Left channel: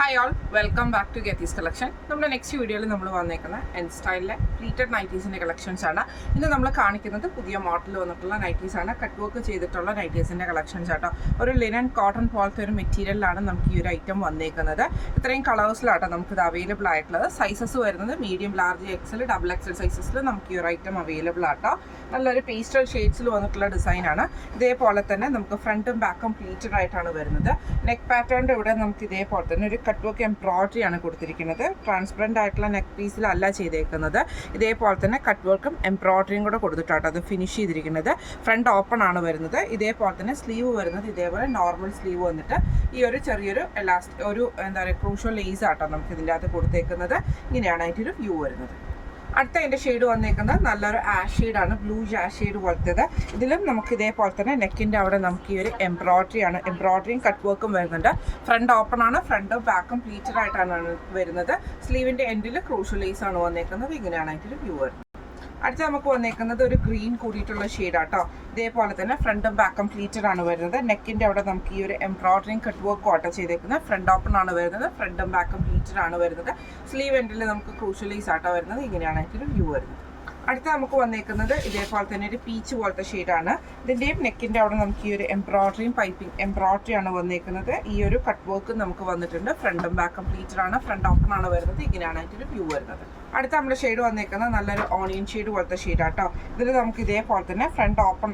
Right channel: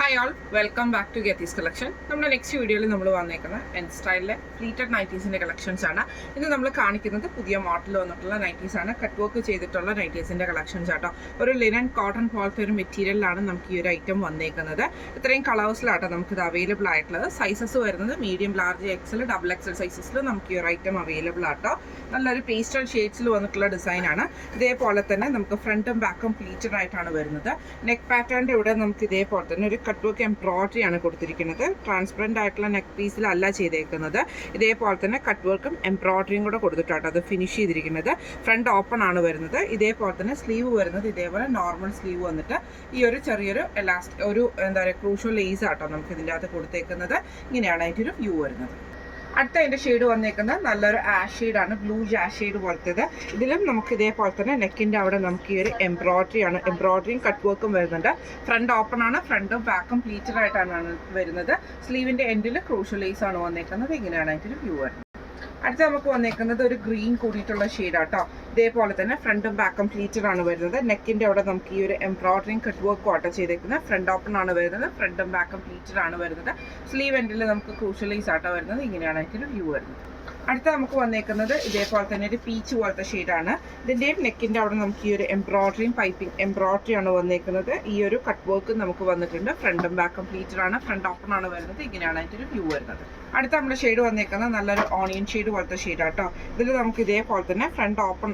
Hi all, welcome back to ഗെത്തീസ് collection. നമ്മുടെ next വീഡിയോയിൽ നമ്മൾ വന്നേക്കുന്ന എൻ സ്റ്റൈലിലെ പ്ലീറ്റഡ് നൈറ്റീസിൻ്റെ കളക്ഷൻസ് ആണ്. ഇന്ന് നമ്മൾ കാണിക്കുന്നത് പുതിയ മോഡൽ വന്നിട്ടുള്ള നൈറ്റീസ് ആണ്. കട്ട് വർക്ക് ചെയ്തിട്ടുള്ള നൈറ്റീസിൻ്റെ കളക്ഷൻസ് ആട്ടോ. ഒരു ലിനൻ കോട്ടൺ പോലത്തെ ഒരു മെറ്റീരിയലിലാണ് നമുക്ക് ഈ ഒരു ഐറ്റം വന്നേക്കുന്നത്. ഇത്രയും കളേഴ്സിലാട്ടോ നമുക്കിത് അവൈലബിൾ ആയിട്ടുള്ളത്. സൈസസ് വരുന്നത് medium, large, XL, double XL സൈസസിൽ നമുക്ക് ഈ ഒരു ഐറ്റം അവൈലബിൾ ആട്ടോ. നല്ലൊരു പേസ്റ്റൽ ഷെയ്ഡ്സിൽ വന്നിട്ടുള്ള ഡിസൈനാണ്. ഇതേപോലെ തന്നെ നമുക്ക് ഫ്രണ്ടും ബാക്കും പ്ലീറ്റഡ് ആയിട്ടാണ് വരുന്നത്. നെക്ക് പാറ്റേണിൻ്റെ ഇവിടെ നമുക്ക് ഇതേപോലെ തന്നെ ഒരു കട്ട് വർക്ക് എംബ്രോയിഡറി ആണ് കൊടുത്തിരിക്കുന്നത്. ട്രാൻസ്പെറൻ്റ് ആയിട്ടുള്ള നെക്ക് പീസിലല്ല ചെയ്തേക്കുന്നത്. ഇതേപോലെ തന്നെ കട്ട് വർക്കും എംബ്രോയിഡറിയും കൂടെ കൊടുത്തിട്ടാണ് അത് ഫിനിഷ് ചെയ്തിരിക്കുന്നത്. ഫ്രണ്ട് ഓപ്പൺ ആണ് വരുന്നത്. ഇതേപോലെ തന്നെ സ്ലീവ് വരുന്നത് ഇതേപോലെ നോർമൽ സ്ലീവ് വന്നിട്ട് ഈ ഒരു ചെറിയൊരു ഒരു എന്താ പറയുക ക്രൂഷ്യൽ ലേസ് ആട്ടോ നമുക്ക് ഇതിൻ്റെ അകത്ത് കൊടുത്തേക്കുന്നത്. ഇങ്ങനെയാണ് അതിൻ്റെ ഒരു വ്യൂ വരുന്നത്. അടുത്ത അതിൻ്റെ ഷെയ്ഡ് വന്നേക്കുന്നത് നല്ലൊരു ആഷ് ഷെയ്ഡാണ്, ബ്ലൂ ആഷ് ഷെയ്ഡ് പോലത്തേത്. ഇതിലും നമുക്ക് ഇതേപോലെ തന്നെ നെക്കിൻ്റെ അവിടെ നമുക്ക് ഈ ഒരു എംബ്രോയിഡറി ആണ്, എംബ്രോയിഡറിയും കട്ട് വർക്കും വരുന്നുണ്ട്. ഫ്രണ്ട് ഓപ്പൺ ആണ്, ഫ്രണ്ടും ബാക്കും പ്ലീറ്റഡ് ആയിട്ടാണ് വരുന്നത്. സ്ലീവിൻ്റെ എൻഡിൽ ക്രൂഷ്യൽ ലേസ് ആണ് വന്നേക്കുന്നത്. ഇങ്ങനെയാണ് അതിൻ്റെ ഒരു വ്യൂ വരുന്നത്. അടുത്ത നമുക്ക് വന്നേക്കുന്നത് ഒരു ഗ്രീൻ കൂടിയിട്ടുള്ള ഷെയ്ഡാട്ടോ. ഇതേപോലെ തന്നെ ഫ്രണ്ടും ബാക്കും പ്ലീറ്റഡ് ആണ് വരുന്നത്. നെക്കിൻ്റെ അവിടെ നമുക്ക് ഈ ഒരു എംബ്രോയിഡറിയും കട്ട് വർക്കും ആട്ടോ ചെയ്തേക്കുന്നത്. ഫ്രണ്ട് ഓപ്പൺ ആണ് വരുന്നത്. ഫ്രണ്ടും ബാക്കും പ്ലീറ്റഡ് ആണ് വരുന്നത്. സ്ലീവ് എൻഡിൽ നമുക്ക് ക്രൂഷ്യൽ ലേസ് ആട്ടോ വരുന്നത്. ഇങ്ങനെയാണ് അതിൻ്റെ ഒരു വ്യൂ വരുന്നത്. അടുത്ത നമുക്ക് വന്നേക്കുന്നത് ഇതേപോലെ തന്നെ ഒരു പീച്ച് പോലത്തെ ഷെയ്ഡാണ്. ഇതിൻ്റെയും നെക്കിൻ്റെ അവിടെ നമുക്ക് ഈ ഒരു എംബ്രോയിഡറിയും പൈപ്പിംഗ് എംബ്രോയിഡറി ആണ് വന്നേക്കുന്നത്. ഈ ഒരു കട്ട് വർക്ക് നമുക്ക് വന്നിട്ടുണ്ട്. ഫ്രണ്ടും ബാക്കും പ്ലീറ്റഡ് ആണ്, ഫ്രണ്ട് ഓപ്പൺ ആണ് വരുന്നത്. ഇങ്ങനെയാണ് അതിൻ്റെ ഒരു വ്യൂ വരുന്നത്. അടുത്ത നമ്മുടെ ഷെയ്ഡ് വന്നേക്കുന്നത് നല്ലൊരു ഓണിയൻ ഷെയ്ഡ് പോലത്തെ ഷെയ്ഡാട്ടോ. ഇതിൽ നമുക്ക് ഇതേപോലെ തന്നെ ഫ്രണ്ട് ഓപ്പൺ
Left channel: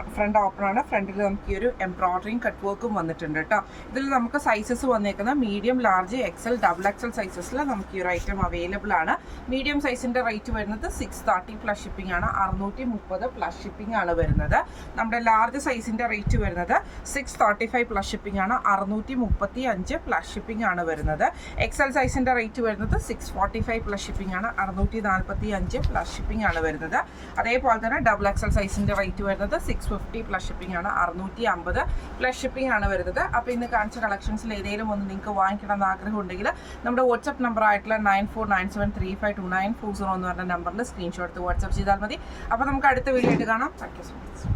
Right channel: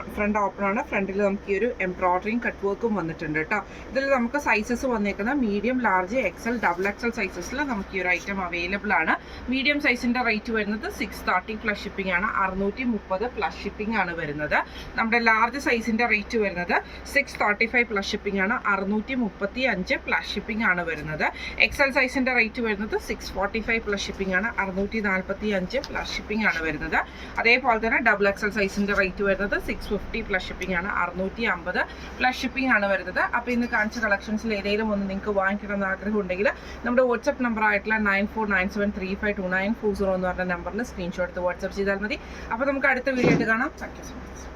ആണ്. ഫ്രണ്ടിൽ നമുക്ക് ഈ ഒരു എംബ്രോയിഡറിയും കട്ട് വർക്കും വന്നിട്ടുണ്ട് കേട്ടോ. ഇതിൽ നമുക്ക് സൈസസ് വന്നേക്കുന്നത് medium, large, XL, double XL സൈസസിൽ നമുക്ക് ഈ ഒരു ഐറ്റം അവൈലബിൾ ആണ്. മീഡിയം സൈസിൻ്റെ റേറ്റ് വരുന്നത് 630 പ്ലസ് ഷിപ്പിംഗ് ആണ്. 630 പ്ലസ് ഷിപ്പിംഗ് ആണ് വരുന്നത്. നമ്മുടെ ലാർജ് സൈസിൻ്റെ റേറ്റ് വരുന്നത് 635 പ്ലസ് ഷിപ്പിംഗ് ആണ്. 635 പ്ലസ് ഷിപ്പിംഗ് ആണ് വരുന്നത്. എക്സൽ സൈസിൻ്റെ റേറ്റ് വരുന്നത് 645 പ്ലസ് ഷിപ്പിംഗ് ആണ്. 645 പ്ലസ് ഷിപ്പിംഗ് ആണ് വരുന്നത്. അതേപോലെ തന്നെ ഡബിൾ എക്സൽ സൈസിൻ്റെ റേറ്റ് വരുന്നത് 650 പ്ലസ് ഷിപ്പിംഗ് ആണ്. 650 പ്ലസ് ഷിപ്പിംഗ് ആണ് വരുന്നത്. അപ്പോൾ ഇന്ന് കാണിച്ച കളക്ഷൻസിൽ ഏതെങ്കിലും ഒന്ന് നിങ്ങൾക്ക് വാങ്ങിക്കണം എന്ന് ആഗ്രഹം ഉണ്ടെങ്കിൽ നമ്മുടെ വാട്സ്ആപ്പ് നമ്പർ ആയിട്ടുള്ള 9497352940 എന്ന് പറഞ്ഞ നമ്പറിൽ സ്ക്രീൻഷോട്ട് എടുത്ത് വാട്സ്ആപ്പ് ചെയ്താൽ മതി. അപ്പോൾ നമുക്ക് അടുത്ത വീഡിയോ ആയിട്ട് കാണാം. Thank you so much.